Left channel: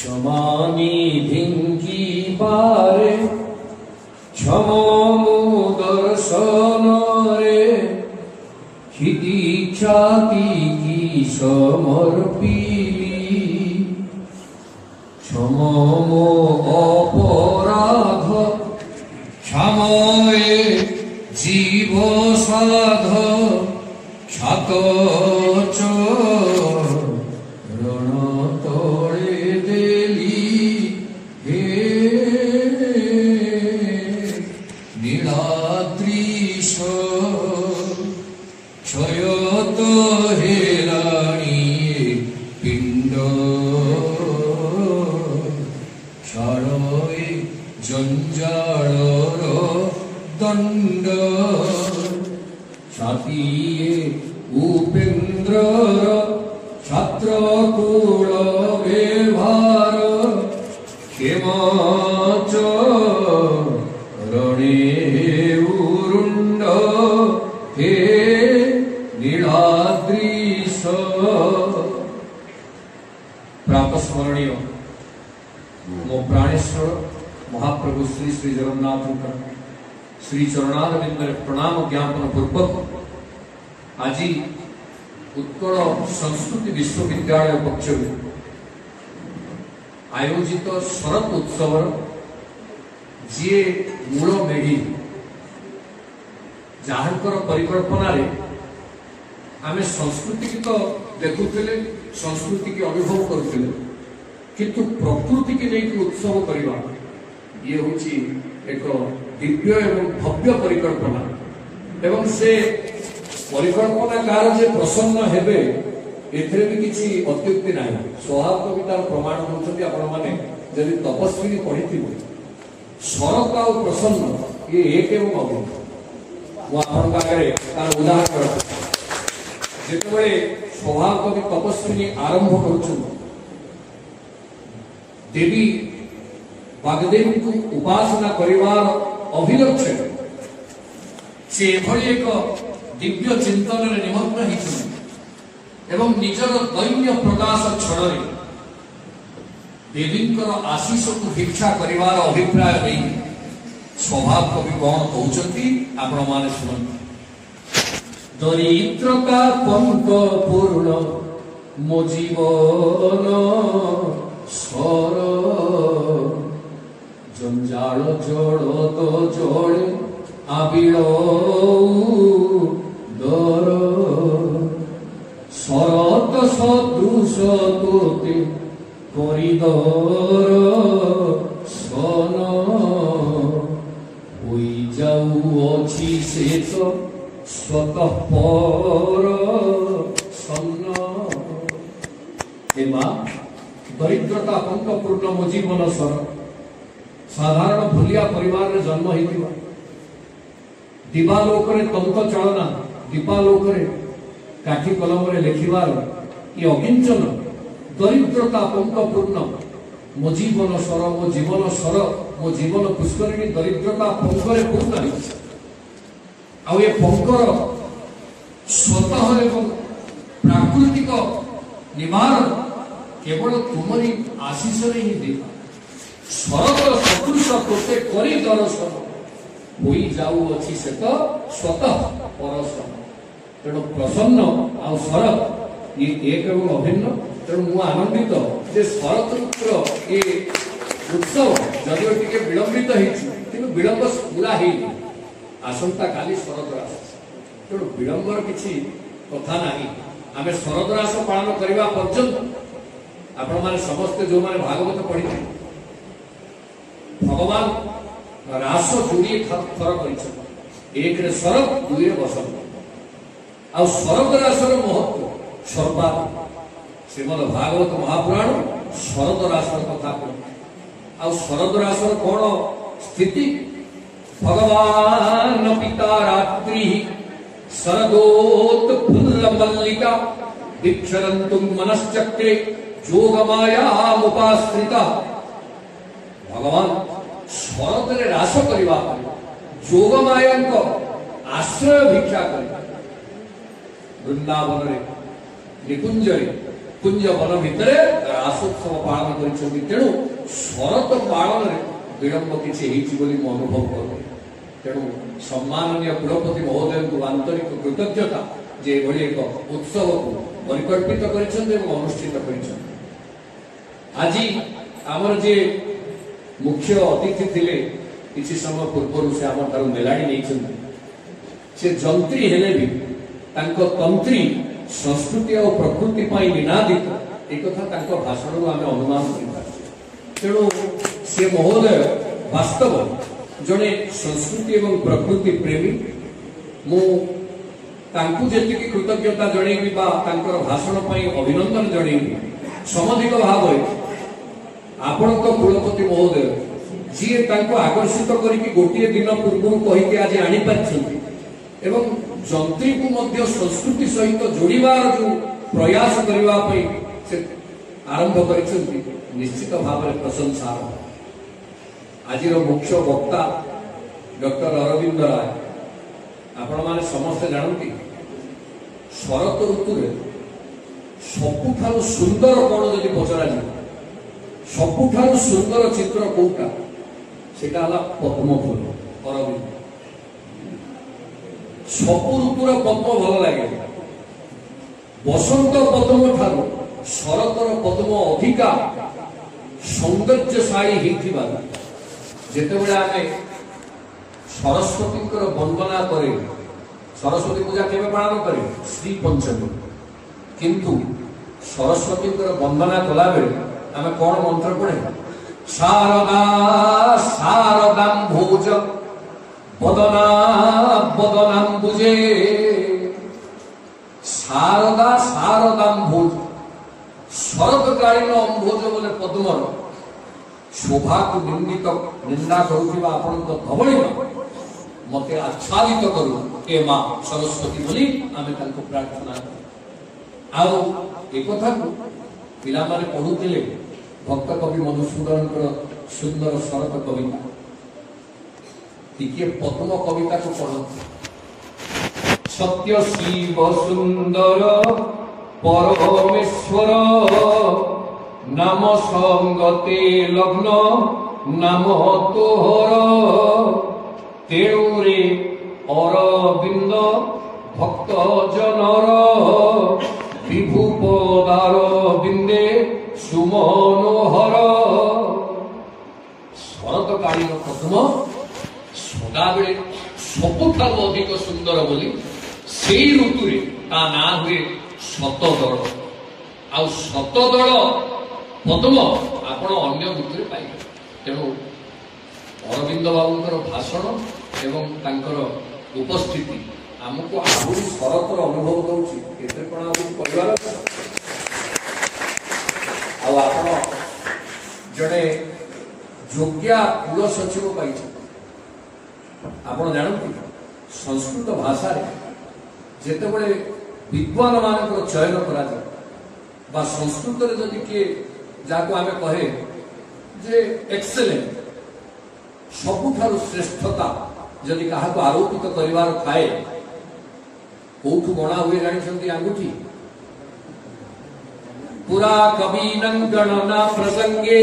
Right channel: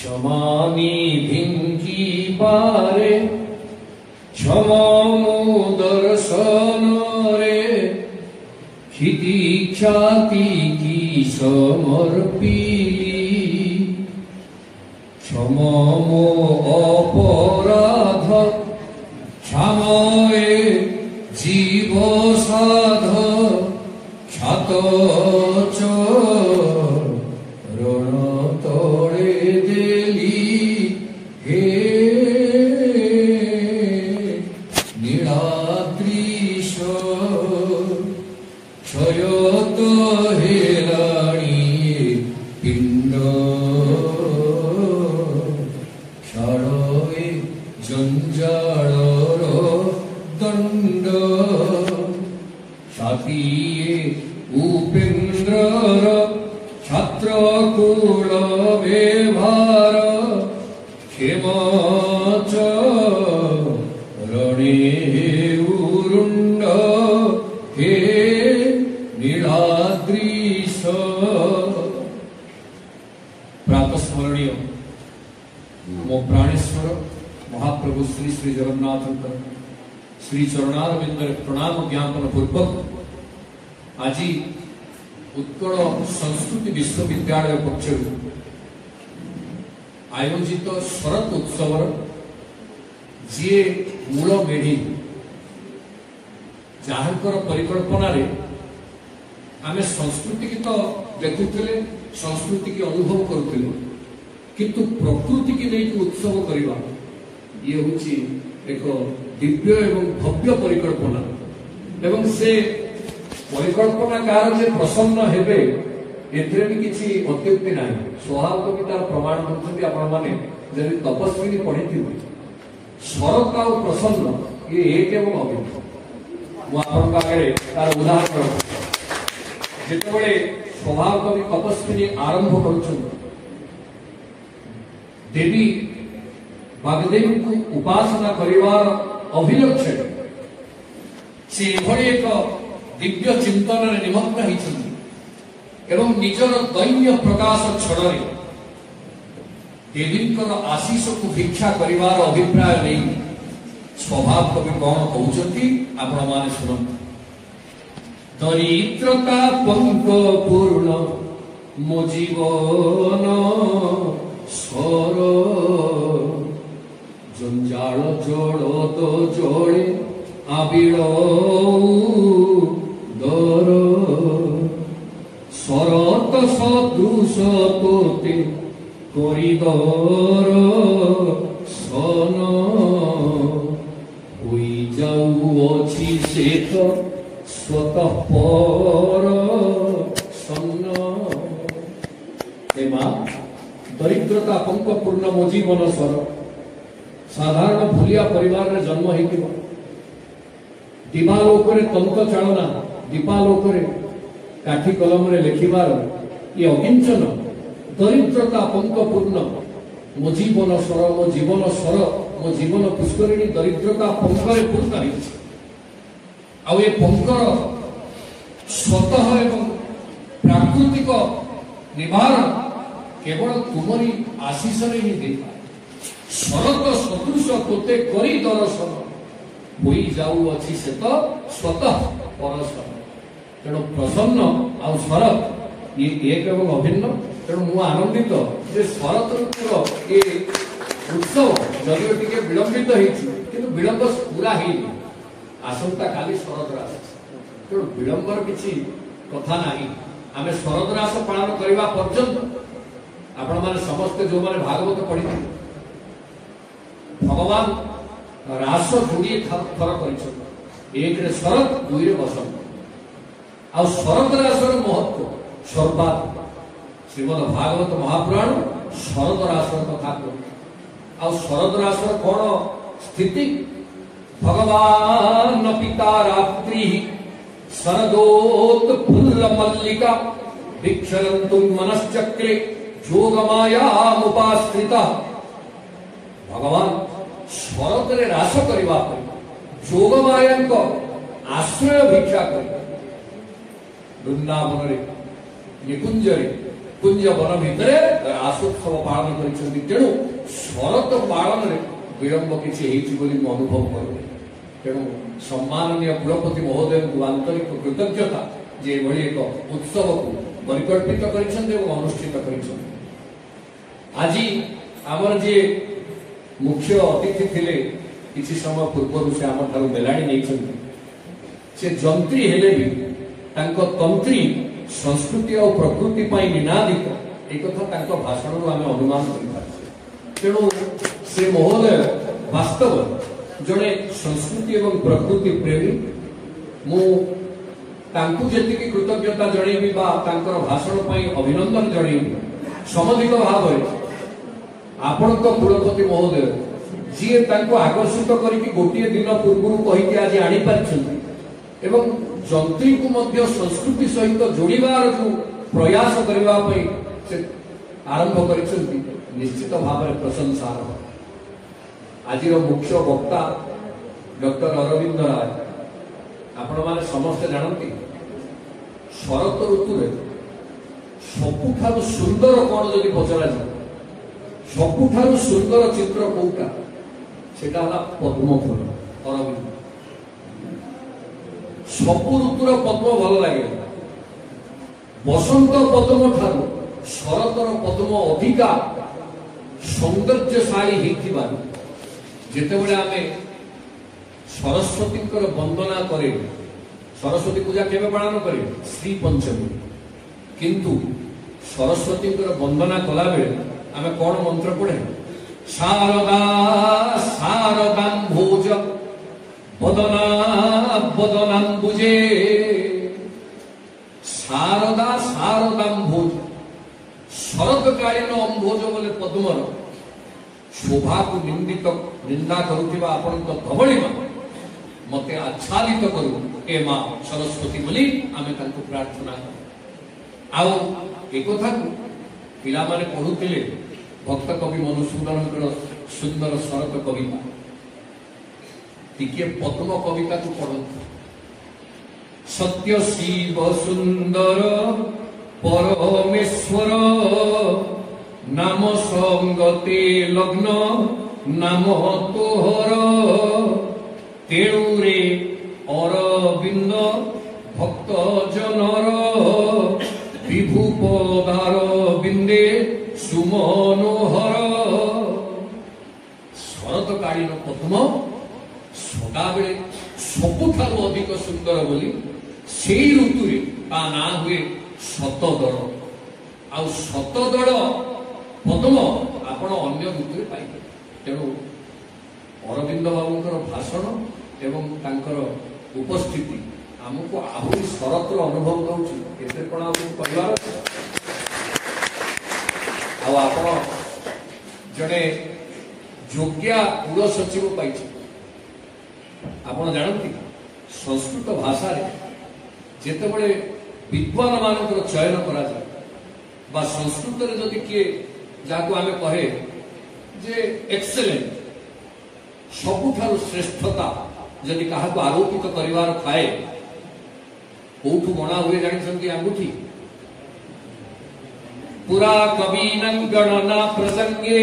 क्षमानिधिं पारे क्षमो दर्शन रे क्षिति ख्याति की समर्पी क्षमो अपराध क्षमये जीव साध ख्यात रण तोड़े देली हे नीलाद्रीश क्षयत हेलाणी पिंड क्षणवे जंजाळर दंड छातीये उपेन्द्र छात्र कुल व्यवहार क्षेमाच रणे उरुंड हे नीलाद्रीश। प्रातस्मरणीय मो प्राणेश्वर महाप्रभु श्री श्री जगन्नाथ श्री चरणारविंद प्रणाम ज्ञापन पूर्वक आज उत्कल संस्कृति विश्वविद्यालय पक्षर आयोजित शरद उत्सव जी मूल मेढ़ी जहांकर परिकल्पना रे आमे संस्कृति की तो देखुले संस्कृति की अनुभव करुले किंतु प्रकृति की नहीं उत्सव करवा ये हूँ एक दिव्य एवं भव्य परिकल्पना एवं से परिकल्पनाकार जे प्रसन्न हेबे एथिरे भी किछि अत्युक्ति नाही स्वभाव भी तार प्रमाण करछथि आपण माने यदि तपस्विनी पढिथिबे शरत आ प्रसन्न ये एक एवं अभिन्न मो आपण आगे तार उदाहरण जेतेबेले स्वभाव कवि तपस्विनी आरंभ करछु देवी वाग्देवी को उपासना करिवार अभिलक्ष्य से भली एक दिव्य चिंतन निमग्न एवं निजर दैन्य प्रकाश छड़े देवींकर आशीष को भिक्षा करिवार अभिप्राय नहीं स्वभाव कवि कौन कहते आपण माने सुनंतु दरिद्रता पंक पूर्ण मो जीवन स्वर जंजाल जड़ तो जड़े आबिल दर शरत सदृश तोते करिदर सन होई जाउअछि शेष स्वतः पर सन्न। हे मां दरिद्रता पंक पूर्ण मो जीवन स्वर साधारण भूलिया परिवार रे जन्म होइतिबा दिवालोक रे तंत्र चालना दीपालोक रे काठी कलम रे लिखिबार ये अकिंचन दरिद्रता पंक पूर्ण मो जीवन स्वर मो जीवन पुष्करिणी दरिद्रता पंक रे पूर्ण है आ ये पंकर स्वतः एवं प्राकृतिक निवारण केवल तुमरी आशीष रे ही दे शरत सदृश तोते करी दर्शन होई जाउअछि से तो स्वतः परसन तेणु प्रसन्न आ शरत ये एक एवं अभिन्न तेणु मु आनंदित जे शरत ऋतुर ये उत्सव जदिओ टिके विलंबित होइछि किंतु विलंब पूरा हेइनि आसंता काली शरद रास तेणु विलंबर किछि कथा नाही आमे शरद रास पालन करबा पर्यंत आपण माने समस्त जो माने भागवत पढ़ी भगवान रास जोड़े थर कर एक रे शरद दुई रे बसंत आ शरद रासर महत्व सर्वाधिक श्रीमद भागवत महापुराण शरद रासर कथा आ शरद रासर कौन स्थिति भगवान पिता रात्रि शरदोत फुल्ल मल्लिका दीक्षरन्तुं मनश्चक्रे योगमायामुपाश्रिता भगवान शरद रे रास करबा योगमाया को आश्रय भिक्षा कर वृंदावन रे निकुंज रे कुंज वन भितर रासोत्सव पालन करिसेंती तेणु शरत पालन रे विलंब किछि हेछि बोली म अनुभव करू तेणु सम्माननीय कुलपति महोदय को आंतरिक कृतज्ञता जे भली एक उत्सव को परिकल्पित करिसेंती एवं अनुष्ठित करिसेंती आज आमर जे मुख्य अतिथि थिले किछि समय पूर्व से आम ठार मेलाड़ी नहीं से जंत्री हेले भी तांको तंत्री संस्कृति और प्रकृति पाई निनादित एक कथा भाषण आम अनुमान कर तेणु से महोदय वास्तव जड़े संस्कृति एवं प्रकृति प्रेमी मुझे कृतज्ञता जनइबी भाषण अभिनंदन जनइबी समधिक भाव आपण कुलपति महोदय जी आकर्षित करके गोटे दिन पूर्व कहीकि आज आनी एवं जंत्री को मध्य संस्कृति सहित जोड़ार जो प्रयास करने से आरंभ कर निश्चित भाव में प्रशंसा आज मुख्य वक्ता डॉक्टर अरविंद राय आपण माने समस्त जानती शरत ऋतु सबुठारु सुंदर कौन जदि पचरा सबुठारु सुंदर चित्र कोटा सेटा हला पद्म फूल अरविंद सबु ऋतुर पद्म भल लगे बसंत पद्म ठारू शरतर पद्म अधिका सौंदर्यशाली होता जितेबले आम सरस्वती वंदना करे सरस्वती पूजा केवे पालन करे श्री पंचमी किंतु सरस्वती वंदना कला बेले आम कौन मंत्र पढ़े शारदा शारदाम्भोज वदना वदनाम्बुजे शारदा शारदाम्भोज शरतकालीन अंभोज बोले पद्मर शोभा को निंदा करुवा धवल मते आच्छादित करू ए मां सरस्वती बोली आमे तांको प्रार्थना आउ एकथा को पिला माने पढुतिले भक्त कवि मधुसूदन सुंदर शरत कविता टिके पद्म कविता को पढ़ सत्य शिव सुंदर परमेश्वर नाम संगते लग्न नाम तोहर तेणुरे अरविंद भक्त जनर विभु पदार बिंदे सुमनोहर शरतकालीन पद्म सदाबले सबुठार अधिक सुंदर बोली से ऋतु ता ना हुए शतदल आ शतदल पद्म आपण अन्य ऋतु पाइबे तेणु अरविंद बाबूंकर भाषण एवं तांकर उपस्थिति आमको आहरी शरतर अनुभव कर जड़े योग्या कुल सचिव पाई आपण जानती संस्कृत भाषा जितेबले विद्वान मान चयन करा बा संस्कृत रे जदि किए जाको आमे कहे जे एक्सेलेंट सबुठारु श्रेष्ठता जदि काहाको आरोपित करिवार थाए कोठु बना हुए जानिसंती अंगूठी पुरा कवीनं गणना प्रसंगे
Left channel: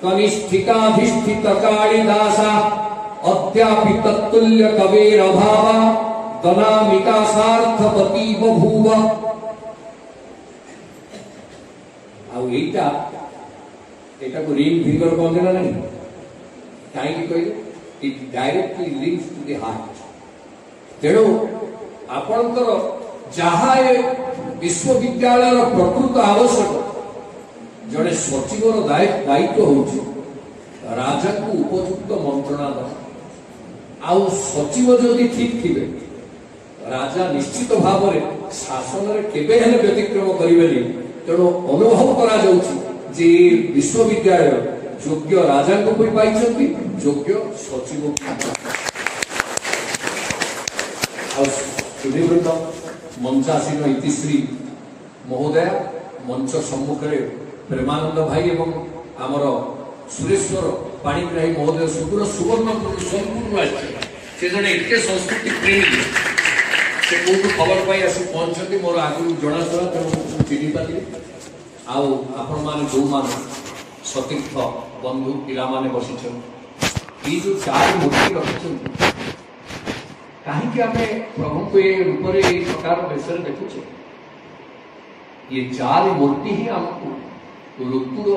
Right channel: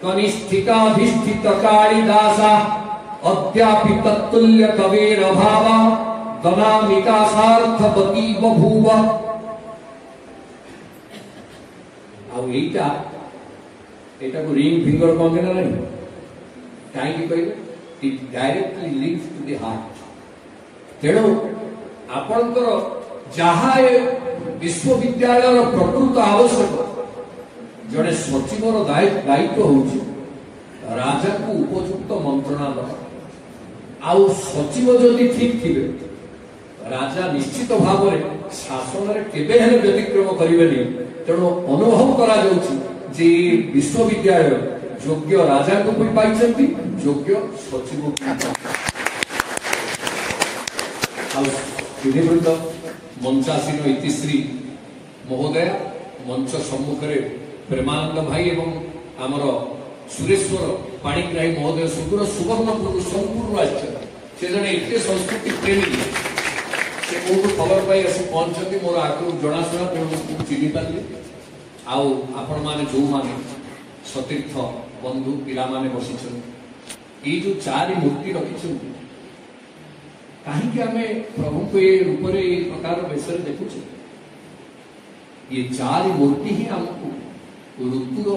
कनिष्ठिकाधिष्ठित कालिदासा अद्यापि तत्तुल्य कवेर अभावा गणामिका सार्थपति बभूव आ एटा को रिंग फिंगर कहते ना नहीं कहीं कहले it directly links to the heart तेणु आपणकर जहाँ विश्वविद्यालय प्रकृत आवश्यक जड़े सचिवर दायित्व होउछि राजा को उपयुक्त मंत्रणा दवा आउ सचिव जदि ठीक थिबे राजा निश्चित भाव में शासन रे केबे हेले व्यतिक्रम करिबेनी तेणु अनुभव करा जाउछि जे विश्वविद्यालय योग्य राजा को भी पाई योग्य सचिव सुधीवृंद मंचासीन इतिश्री महोदय मंच सम्मुख प्रेमानंद भाई एवं आमर सुरेश्वर पाणिग्राही महोदय सुदूर सुवर्णपुर संपूर्ण से जड़े एत संस्कृति प्रेमी से कौन खबर पाई आसी पहुंचती मोर आगु जनाशुना तेणु चिन्ह पारि आउ आपण माने जो माने सतीर्थ बंधु पिला माने बसिछन ये जो चार मूर्ति रखिछन कहीं आमे प्रभु को ये रूप रे ये प्रकार बेसर देखुछे ये चार मूर्ति ही हमको ऋतुर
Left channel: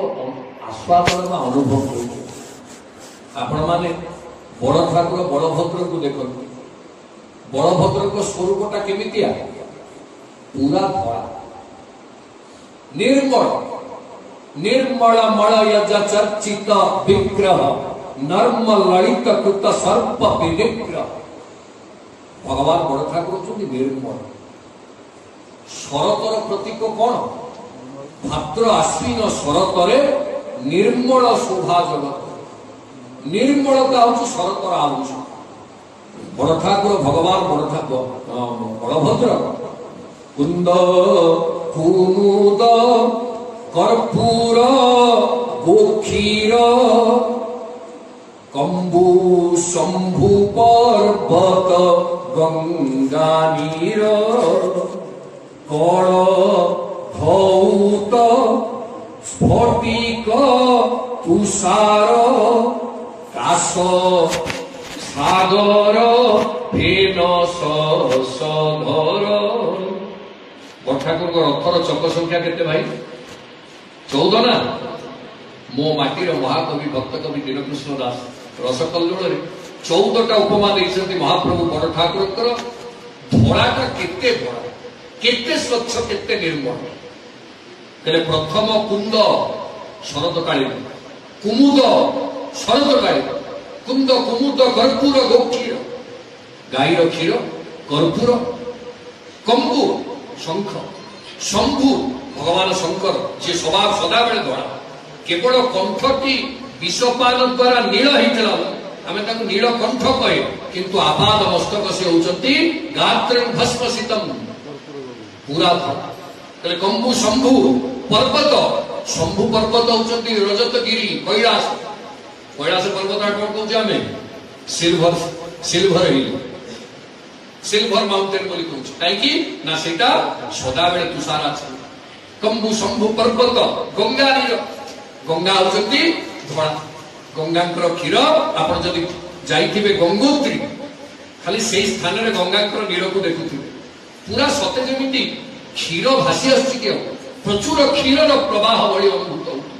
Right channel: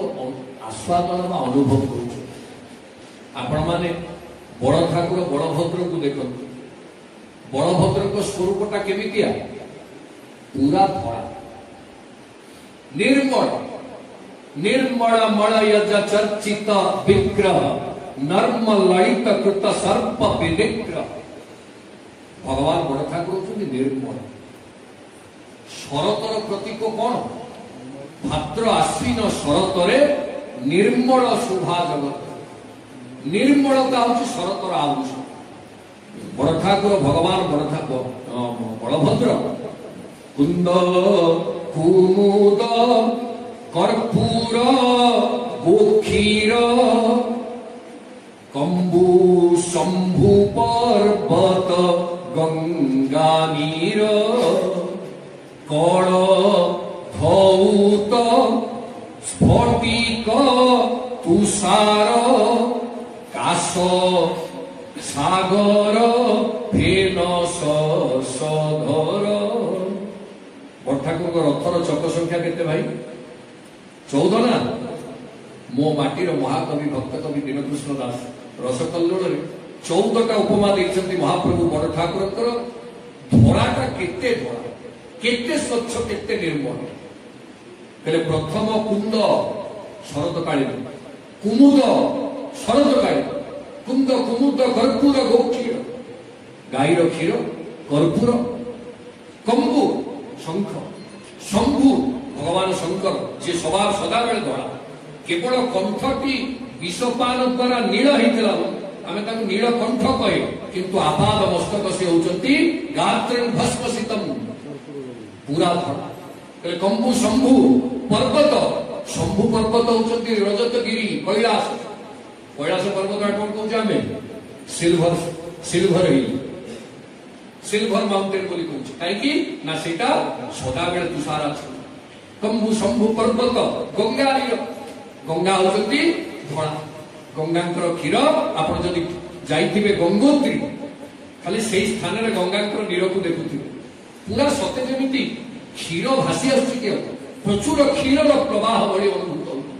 आस्वादन व अनुभव करुछे आपण माने बड़ ठाकुर बड़भद्र को देखते बड़भद्र को स्वरूपटा केमितिया पूरा धड़ा निर्मल निर्मल मलयज चर्चित विग्रह नर्म ललित कृत सर्प विनिग्रह भगवान बड़ ठाकुर होती निर्मल शरतर प्रतीक कौन भाद्र आश्विन शरतरे निर्मल शोभा जगत निर्मलता हूँ शरतर आलुष बड़ ठाकुर भगवान बड़ ठाकुर बलभद्र कुंद कुमुद कर्पूर गोक्षीर कंबु शंभु पर्वत गंगा नीर कण धौत स्फटिक तुषार काश सागर फेन सधर ठाकुर रथर चक संख्या केते भाई 14 ना मो माटीर महाकवि भक्त कवि दीनकृष्ण दास रसकल्लोल 14टा उपमा देइछन्ति महाप्रभु बड़ ठाकुर धड़ाटा केते धड़ा केते स्वच्छ केते निर्मल कहले प्रथम कुंद शरदकालीन कुमुद शरदकालीन कुंद कुमुद कर्पूर गोक्षीर गाईर क्षीर कर्पूर कंबु शंख शंभु भगवान शंकर जे स्वभाव सदा बेले धड़ा केवल कंठटी विषपान द्वारा नील होता आम नील कंठ कहे किंतु आपाद मस्तक से होती गात्र भस्मसितम पूरा धड़ा कंबु शंभु पर्वत शंभु पर्वत होती रजतगिरी कैलास कैलास पर्वत कौन कौन सिल्वर सिल्वर हिल सिल्वर माउंटेन बोली कहूँ कहीं ना सेटा सदा बेले तुषार आछे कंबु शंभु पर्वत गंगा नीर गंगा होचंती धड़ा गंगांकर क्षीर आपण जदि जाइथिबे गंगोत्री खाली सेई स्थान रे गंगांकर नीर को देखुथिबे पूरा सते जेमिति क्षीर भासी आछि के प्रचुर क्षीरर प्रवाह भली अनुभूत होउथि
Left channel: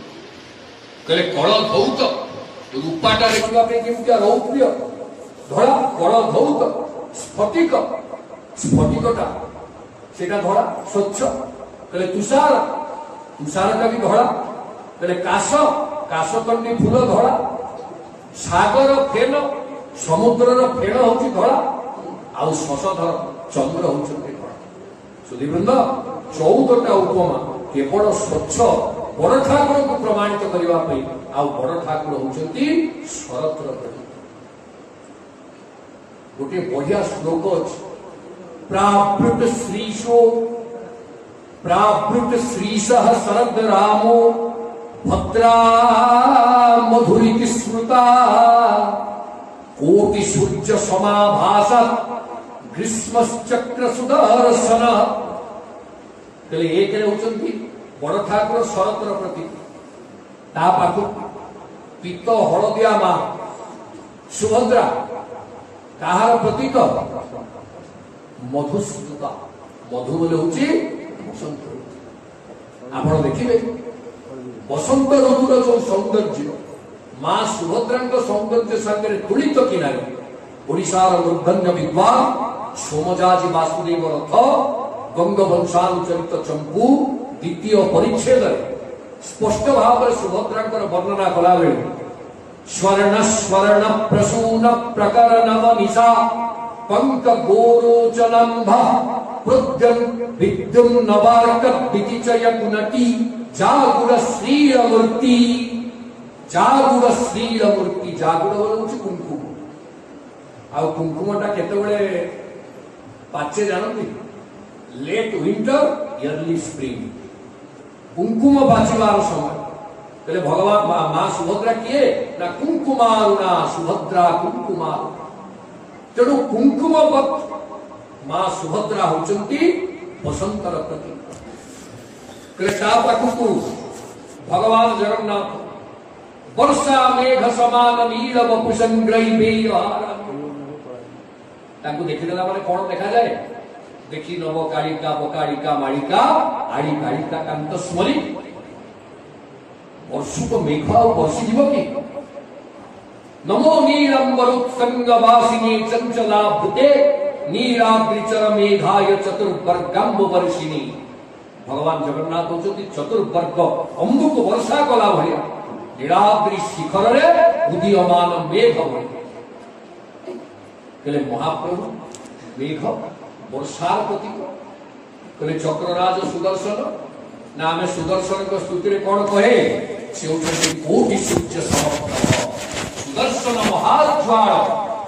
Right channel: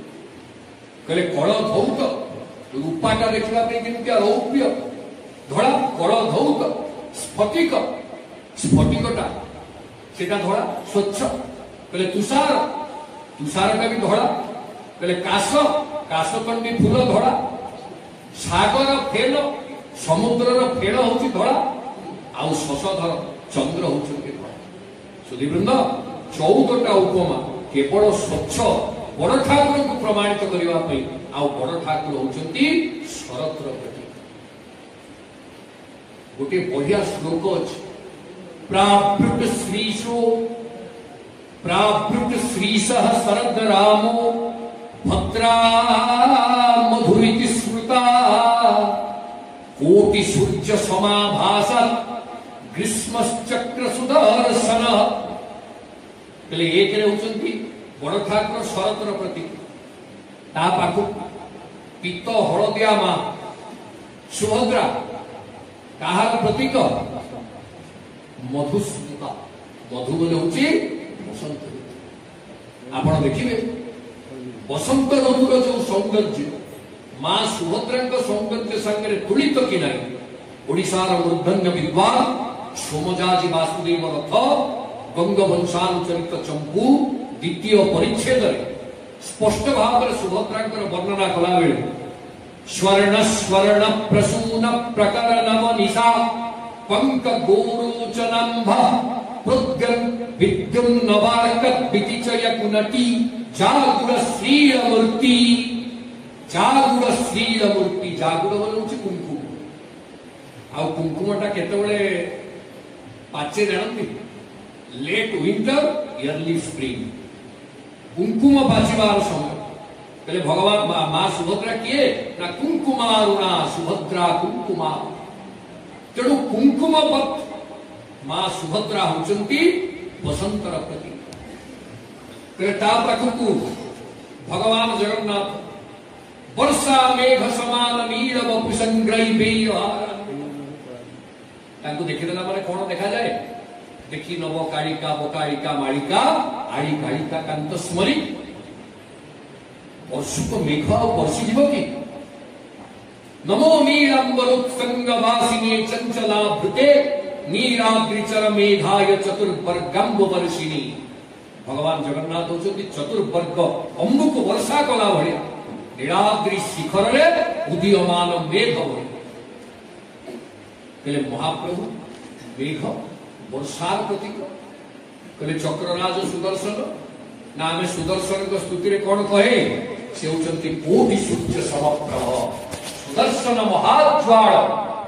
कहले कळ धौत रूपाटा देखिबा पे जेमिति रौप्य धड़ा कळ धौत स्फटिक स्फटिकटा सेटा धड़ा स्वच्छ कहले तुषार तुषार का भी धड़ा कहले काश काशकंडी फूल धड़ा सागर फेन समुद्रर फेन होची धड़ा आउ शशधर चंद्र होची धड़ा सुधीवृंद 14टा उपमा केवल स्वच्छ बड़ ठाकुर को प्रमाणित करने आउ बड़ ठाकुर होचंती शरतर प्रतीक गोटे बढ़िया श्लोक अच्छे प्रावृत श्रीशः शरद रामो भद्रा मधुरिति श्रुता कोटि सूर्य समाभास ग्रीष्मश्चक्र सुदर्शन एक होचंती बड़ ठाकुर शरतर प्रतीक ता पाख पीत हलदिया मां सुभद्रा कहार प्रतीक मधुस्मिता मधु बोले हूँ बसंत ऋतु आप देखिए बसंत ऋतुर जो सौंदर्य मां सुभद्रा सौंदर्य संगे तुलित कि ना ओडिशार मूर्धन्य विद्वान सोमजाजी वासुदेव रथ गंगवंशानुचरित चंपू द्वितीय परिच्छेद स्पष्ट भाव में सुभद्रा वर्णना कला बेले स्वर्ण स्वर्ण प्रसून प्रकरण निशा पंक गोरोचनंभ प्रद्यन विद्युन नवारक वितिचय कुनटी जागुर श्रीलमूर्ति जागुर बोलूँ कुंकुम आ कुंकुमटा केतबेले पाचे जानती लेट विंटर अर्ली स्प्रिंग कुंकुम पाचिबार समय कहले भगवान मां सुभद्रा किए ना कुंकुमारुणा सुभद्रा कुंकुमा तेणु कुंकुमवत मां सुभद्रा होचंती बसंतर प्रतीक कृता पाखु भगवान जगन्नाथ वर्षा मेघ समान नील वपुसंग्रही तांको देखिदेला माने कोन देखा जाए देखी नव कालिका बकालिका मालिका आड़ी कालिका कांत स्मरी वर्षुक मेघ वर्षी जीव की नमो नीलंबरुत्संगवासिनी चंचला भृते नीलाद्रिचर मेघाय चतुर्वर्गंब वर्षिणी भगवान जगन्नाथ होती चतुर्वर्ग अम्बुक वर्षा कला भाया नीलाद्रि शिखर रे उदीयमान मेघ कहले महाप्रभु मेघ वर्षार प्रतीक कहले चक्रराज सुदर्शन ना आम सुदर्शन को स्तुति रे कौन कहे से कोटि सूर्य समप्रभ सुदर्शन महाज्वाल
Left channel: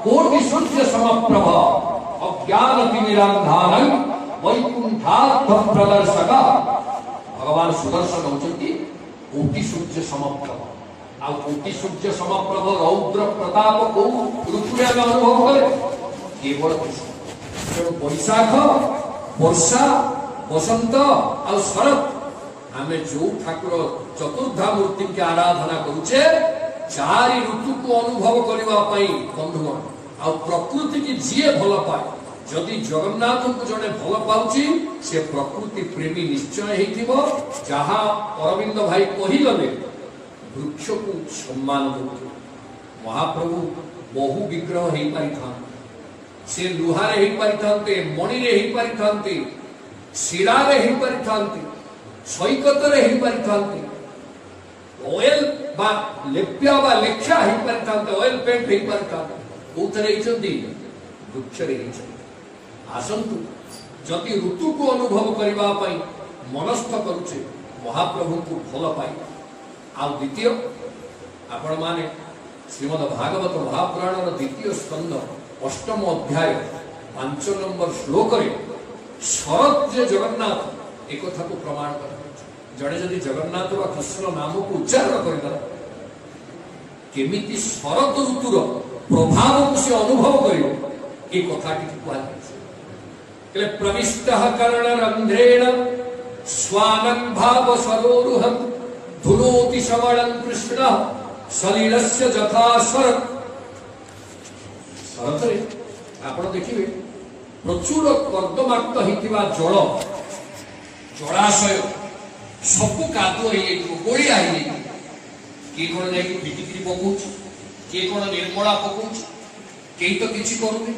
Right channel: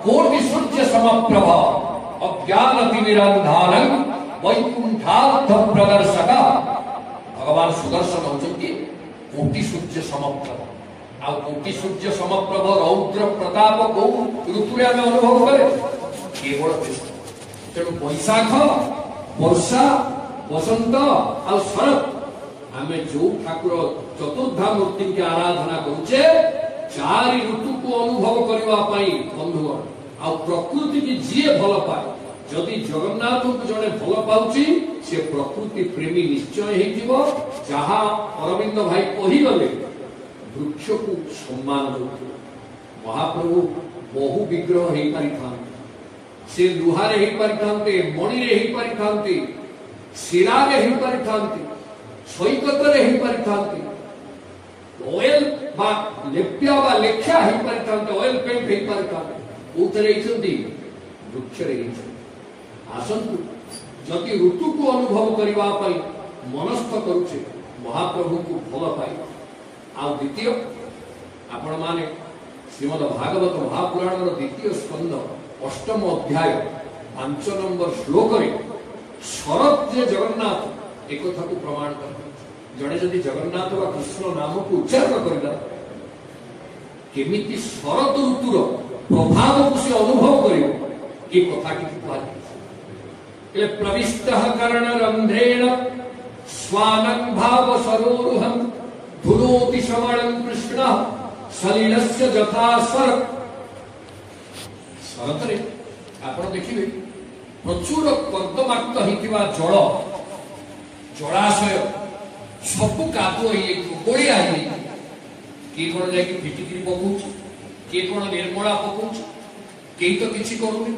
कोटि सूर्य समप्रभ अज्ञान तिमिरांधारं वैकुंठार्थ प्रदर्शक भगवान सुदर्शन होती कोटि सूर्य समप्रभ आ कोटि सूर्य समप्रभ रौद्र प्रताप को ऋतु अनुभव करे केवल तेणु बैशाख वर्षा बसंत आ शरत आम जो ठाकुर चतुर्धा मूर्ति के आराधना करुचे चारि ऋतु को अनुभव करने बंधुगण आ प्रकृति की जी भल पाए जदि जगन्नाथ को जड़े भल पाउची से प्रकृति प्रेमी निश्चय हेतिबो जहाँ अरविंद भाई कहीगले वृक्ष को सम्मान दे महाप्रभु बहु विग्रह हो पारि था से लुहारे हो पारि थांते मणि रे हो पारि थांते शिरा रे हो पारि थांते सैकत रे हो पारि थांते ऑयल बा लेप्या बा लेख्या हो पारि थांते ऑयल पेंट हो पारि थांते उतरे इचंदी वृक्ष रे इचंदी आसंतु जति ऋतु को अनुभव करबा पई मनस्थ करूचे महाप्रभु को भल पाई आ द्वितीय आपण माने श्रीमद् भागवत महापुराण द्वितीय स्कंद अष्टम अध्याय 5 नंबर श्लोक रे शरत जे जगन्नाथ एक कथा को प्रमाण कर जड़े जदि जगन्नाथ वा कृष्ण नाम को उच्चारण करला केमिति शरत ऋतुर प्रभाव को से अनुभव करियो ए कथा की कहा प्रविष्टः कर्ण रंध्रेण स्वानं भाव सरोरुहं धुनोति श्रवणं कृष्णः सलिलस्य जथा शरत शरतरे आपण देखिबे प्रचुर कर्दमाक्त हितिबा जल जलाशय सबु कादुआ हे गोलिया हे के कोन जाई फिटिकिरी पकोछ के कोन निर्मला पकोछ के तो किछि करूनी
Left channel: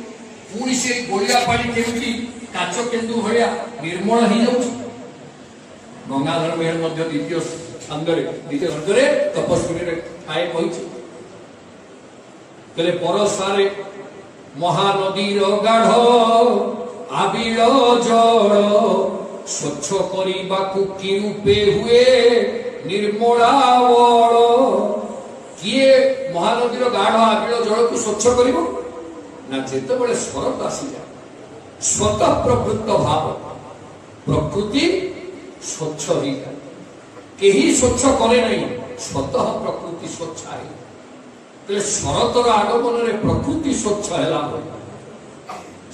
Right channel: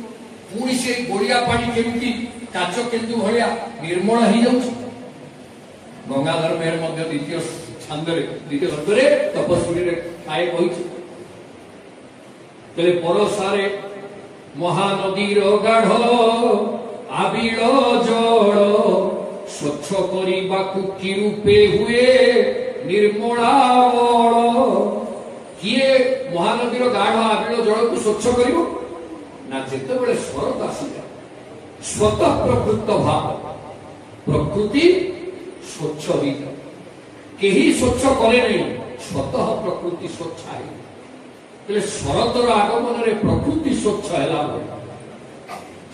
पुणी से गोलिया पानी केमती काच केन्दु भलिया निर्मल हो जाउछ गंगाधर मेहर मध्य द्वितीय छंदरे द्वितीय छंदरे तपस्वी रे आए कहिछ तले परसारे महानदीर गाढ़ आबिल जल स्वच्छ करिबाकु कि रूपे हुए निर्मला किए महानदीर गाढ़ आबिल जल को स्वच्छ करिबो ना जेते बड़े शरत आसी जाए स्वतः प्रवृत्त भाव प्रकृति स्वच्छ हो जाए केही स्वच्छ करे नहीं स्वतः प्रकृति स्वच्छ है तो शरतर आगमन रे प्रकृति स्वच्छ है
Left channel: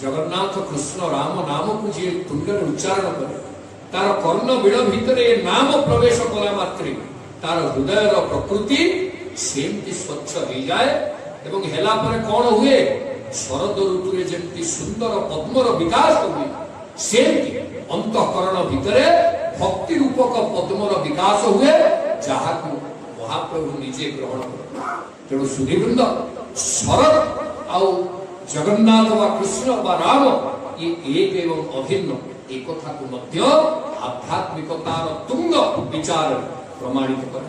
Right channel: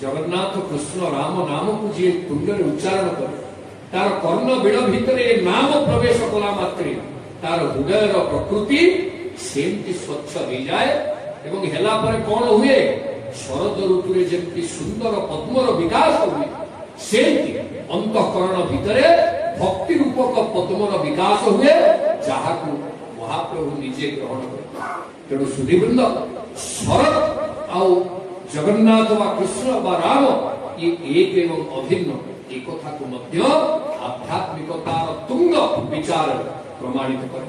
जगन्नाथ कृष्ण राम नाम को जी तुंड उच्चारण करे तार कर्ण बिड़ भितर नाम प्रवेश कला मात्रे तार हृदय प्रकृति सेमती स्वच्छ हो जाए एवं हेला पर कौन हुए शरद ऋतु रे जेमती सुंदर पद्मर विकास हुए सेमती अंतःकरण भितर भक्ति रूपक पद्मर विकास हुए जहाँ को महाप्रभु निजे ग्रहण कर तेणु सुधीवृंद शरद आउ जगन्नाथ व कृष्ण व राम ये एक एवं अभिन्न एक कथा को मध्य आध्यात्मिकतार तुंग विचार प्रमाणित कर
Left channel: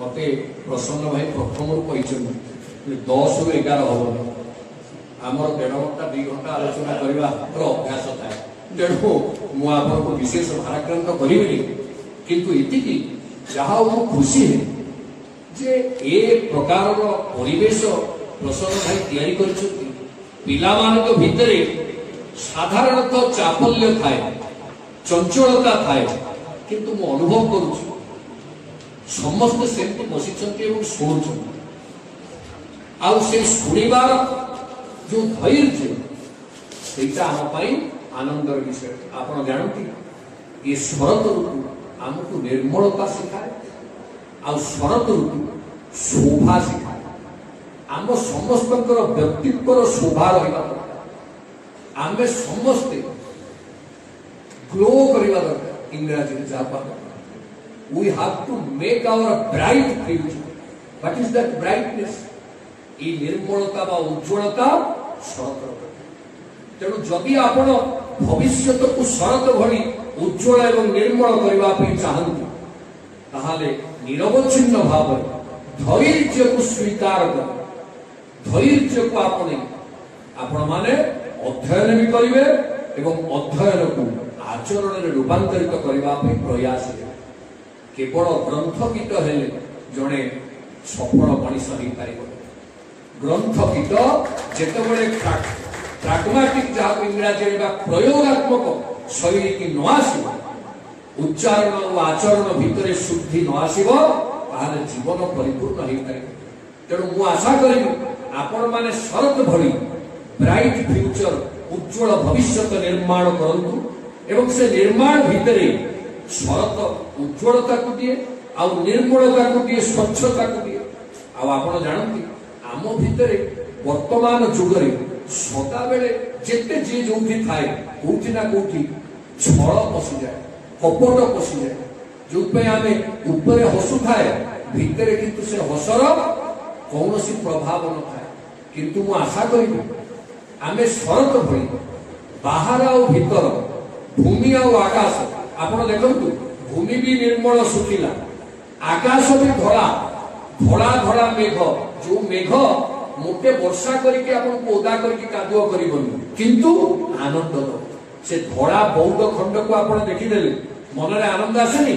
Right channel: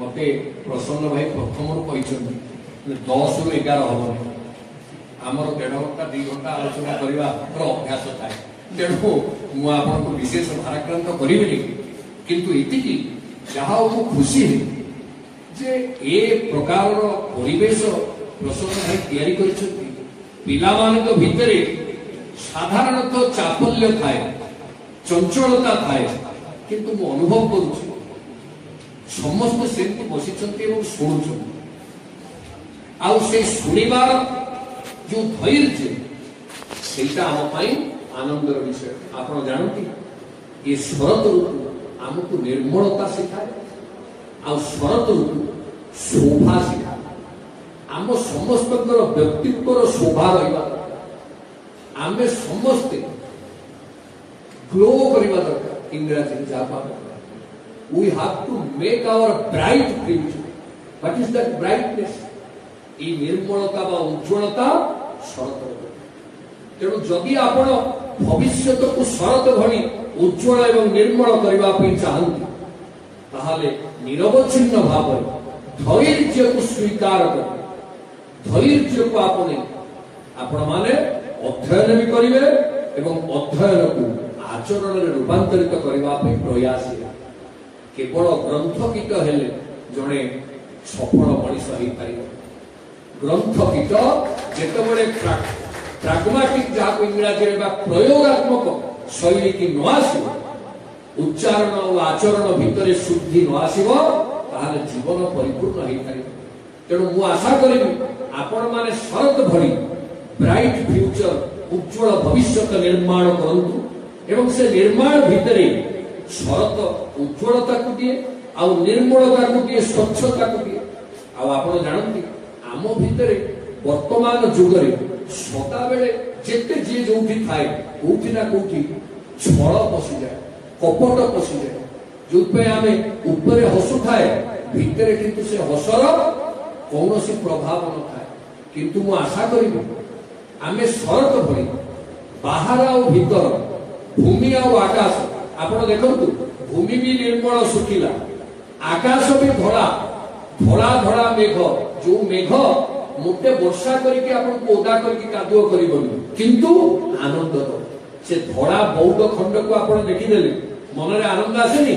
मते प्रसन्न भाई प्रथम कहते 10 ରୁ 11 हबनी आमर 1.5 घंटा 2 घंटा आलोचना करबा अभ्यास थाए तेणु मु आपको विशेष भाराक्रांत करिबि किंतु इतिकी जहा मु खुशी है जे ए प्रकार परिवेश प्रसन्न भाई तैयारी करछथि पिला मानक भितरे साधारणतः चापल्य थाए चंचलता थाए किंतु मु अनुभव करूछु समस्त सेंतु बसिछन्ति एवं शुणुछन्ति आउ से शुणिबार जो धैर्य सेटा हम पाई आनंदर विषय आपण जानती ये शरत ऋतु आमको निर्मलता शिखाए आ शरत ऋतु शोभा शिखाए आम समस्त व्यक्तित्व शोभा रहा आम समस्ते ग्लो करवा दरकार इंग्राजी में जहाँ we have to make our bright future what is that brightness ये निर्मलता बा उज्ज्वलता शरत तेणु जदि आपण भविष्य को शरत भली उज्ज्वल एवं निर्मल करने चाहती ताहले निरवच्छिन्न भाव धैर्य को स्वीकार कर धैर्य को आपण माने अध्ययन भी करेंगे एवं अध्ययन को आचरण में रूपांतरित करने प्रयास केवल ग्रंथकित हेले जड़े सफल मनीष हो पार ग्रंथकित जिते प्राग्माटिक जहाँ इंग्राजी प्रयोगात्मक शैली की न आसो उच्चारण और आचरण भितर शुद्धि न आसो जीवन परिपूर्ण हो पार तेणु मु आशा करी आपण मैंने शरत भली ब्राइट फ्यूचर उज्ज्वल भविष्य निर्माण करंतु एवं से निर्माण भितर शरत उज्ज्वलता को दिए आ निर्मलता को दिए स्वच्छता को दिए आपण जानती आम भितर वर्तमान जुगरे सदा बेले जेते जी जो थाए कोठी ना कोठी छल पशि जाए कपट पशि जाए जो आम ऊपर हसु थाए भितर किंतु से हसर कौन प्रभाव न था किंतु मु आशा करी आम शरत भली बाहर आ भीतर भूमि आकाश आपण देखु भूमि भी निर्मल सुखिला आकाश भी धड़ा धड़ा धड़ा मेघ जो मेघ मोटे वर्षा करके आपको ओदा करके कादुआ करबनी किंतु आनंद तो से धड़ा बौद्ध खंड को आपण देखिदेले मन रे आनंद आसेनी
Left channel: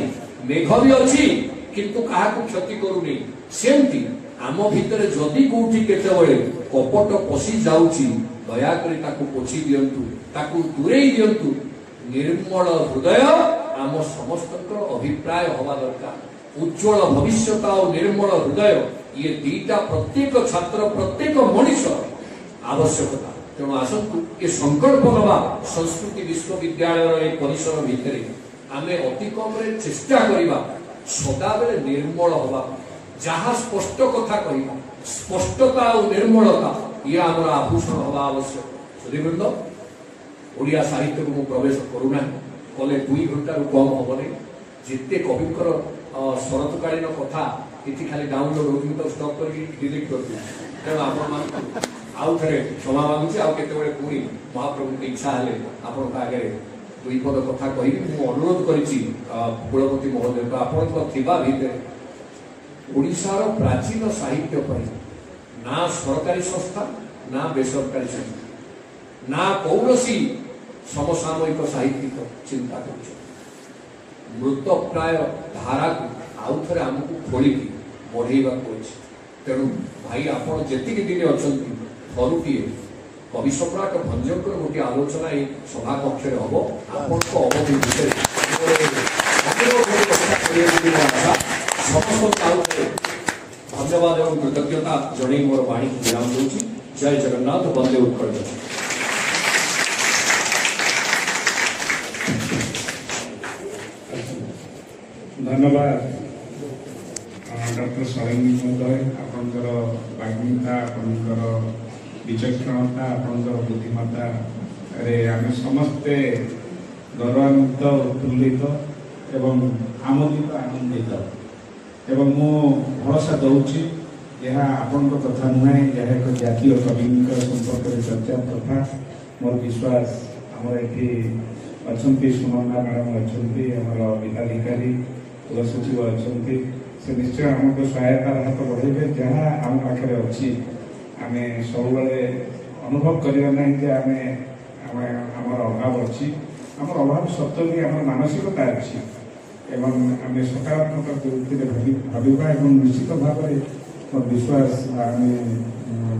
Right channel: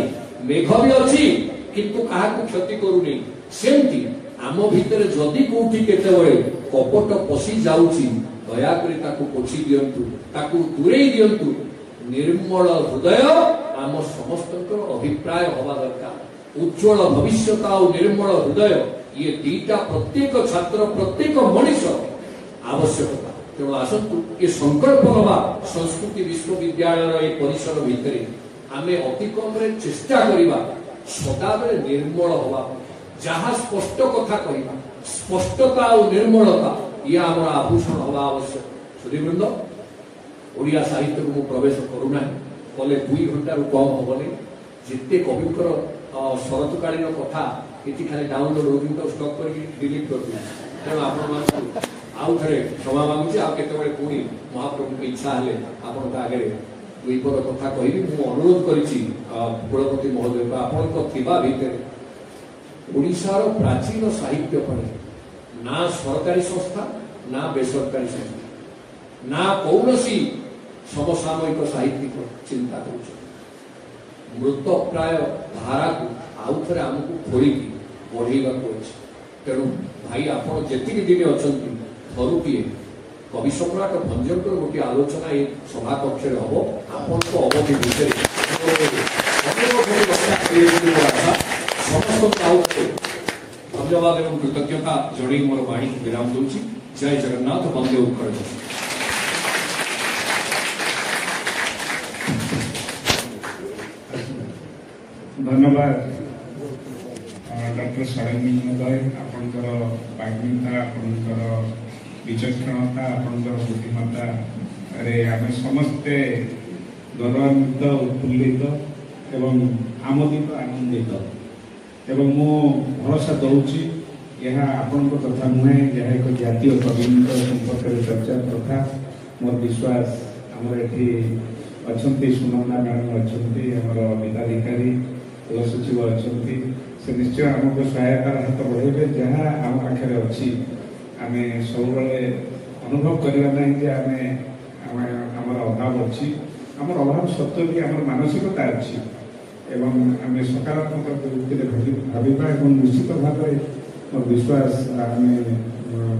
मेघ भी अच्छी किंतु कहा क्षति करूनी सेमती आम भितर जदि कोठी केतेबेले कपट पशि जाउची दया करी ताकू पोछि दियंतु ताकू दूरेई दियंतु निर्मल हृदय आम समस्त अभिप्राय हवा दरकार उज्ज्वल भविष्यता और निर्मल हृदय ये दीटा प्रत्येक छात्र प्रत्येक मनीष आवश्यकता तेणु आसतु ये संकल्प नवा संस्कृति विश्वविद्यालय परिसर भितर आम अति कम चेष्टा करवा सदा बेले निर्मल हवा जहाँ स्पष्ट कथा कहवा स्पष्टता और निर्मलता ये आम आभूषण हवा आवश्यक सुधीवृंद ओडिया साहित्य को प्रवेश करूना कले 2 घंटा कम हेनी जिते कविंकर शरतकालीन कथा ये खाली डाउनलोड हो तो स्टॉप करके डिलीट कर दिया तेणु आपण आउ थे क्षमा मांगुची आते पुणी महाप्रभु की इच्छा हेले आपण आगे 2 पद कथा कहि मु अनुरोध करिछि कुलपति महोदय को आपण थिबा भितर ओडिशार प्राचीन साहित्य पर ना सरकारी संस्था ना बेसरकारी संस्था ना कौनसी समसामयिक साहित्यिक चिंता कर मृत प्राय धारा को आउ थे आमको खोलिकी बढ़ेगा तेणु भाई आप जी दिन अच्छा थरुटीए कवि सम्राट भंजकर गोटे आलोचना ये सभा कक्ष हम आपण अवधि विषय समस्त धन्यवाद और कृतज्ञता जड़े मोर वाणी विराम दूसरी जय जगन्नाथ वंदे उत्कल धन्यवाद डॉक्टर सारंगी महोदय आपंकर बाग्मिता आपंकर विचक्षणता आपंकर बुद्धिमत्ता रे आम समस्ते गौरवान्वित उत्फुल्लित एवं आमोदित आनंदित एवं मो भरोसा दूची यह आपण कथा नुहे जहाँ एक जातीय कवि संपर्क चर्चा तथा मोर विश्वास आमर ये अच्छा सुनंदा मैडम अच्छा आमर विधाधिकारी कुल सचिव अच्छा से निश्चय आमको सहायता हाथ बढ़े जहाँ आम पाखे अच्छी आम सब अनुभव करवा ना कि आम अभाव अच्छी आम अभाव सत्य भी आम मानसिकता अच्छी एवं आम सकारात्मक वृत्ति भाविबा एवं निश्चित भाव में मोर विश्वास आम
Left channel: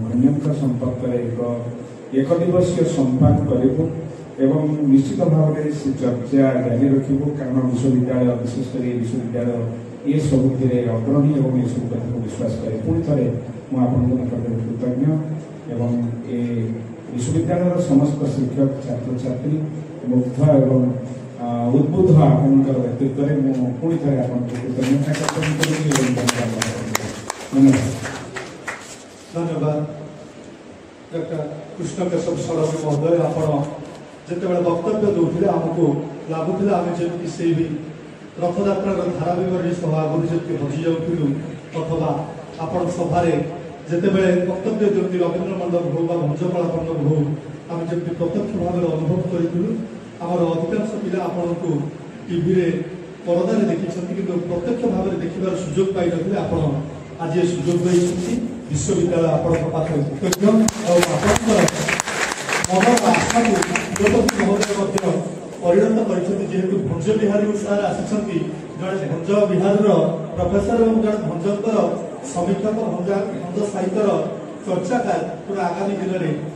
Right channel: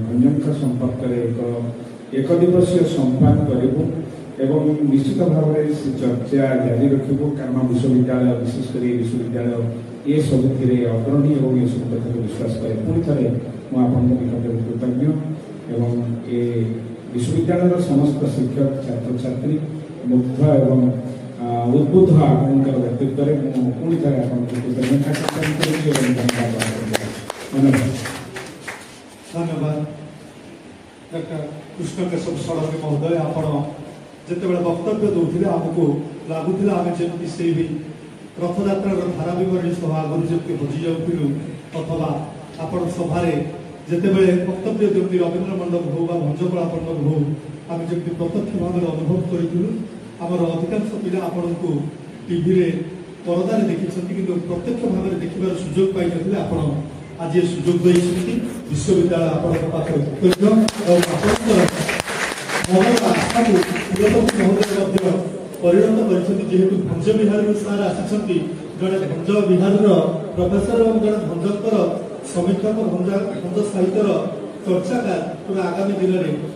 भंजन संपर्क एक दिवसीय संपान करूँ एवं निश्चित भाव में से चर्चा जारी रखू कारण विश्वविद्यालय विशेषकर विश्वविद्यालय ये सबुति अग्रणी और ये सब कथा को विश्वास करे पुणी थे मुझे कृतज्ञ एवं ये विश्वविद्यालय समस्त शिक्षक छात्र छात्री मुग्ध एवं उद्बुद्ध आपणकर व्यक्तित्व पुणी थे धन्यवाद धन्यवाद डॉक्टर कृष्ण केशव षडंगी महोदय आपण जिते वक्तव्य दूसरे आमको लगुला आम जमी से रथयात्रा धारा विवरणी सह आगुरी जमी हजि जाऊँ अथवा आपण सभार जिते वक्तव्य जमी रवीन्द्र मंडप हो भंजकला मंडप हो आम जमी प्रत्यक्ष भाव में अनुभव करूँ आमर अधिकांश पिला आपण को टीवी परदार देखी कि प्रत्यक्ष भाव में देखार सुजोग पाई नथिले आपण आज ये सुजोग देइछथि विश्वविद्यालय आपण पाखे कृतज्ञ और आपन मन आशा को कुलपति महोदय परिणत कर जेहेतु भंज बिहार सार आसी जड़े भंज बिहार प्रोफेसर और जड़े भंजकर समीक्षक भंज साहित्यर चर्चाकार पूरा आगामी दिन में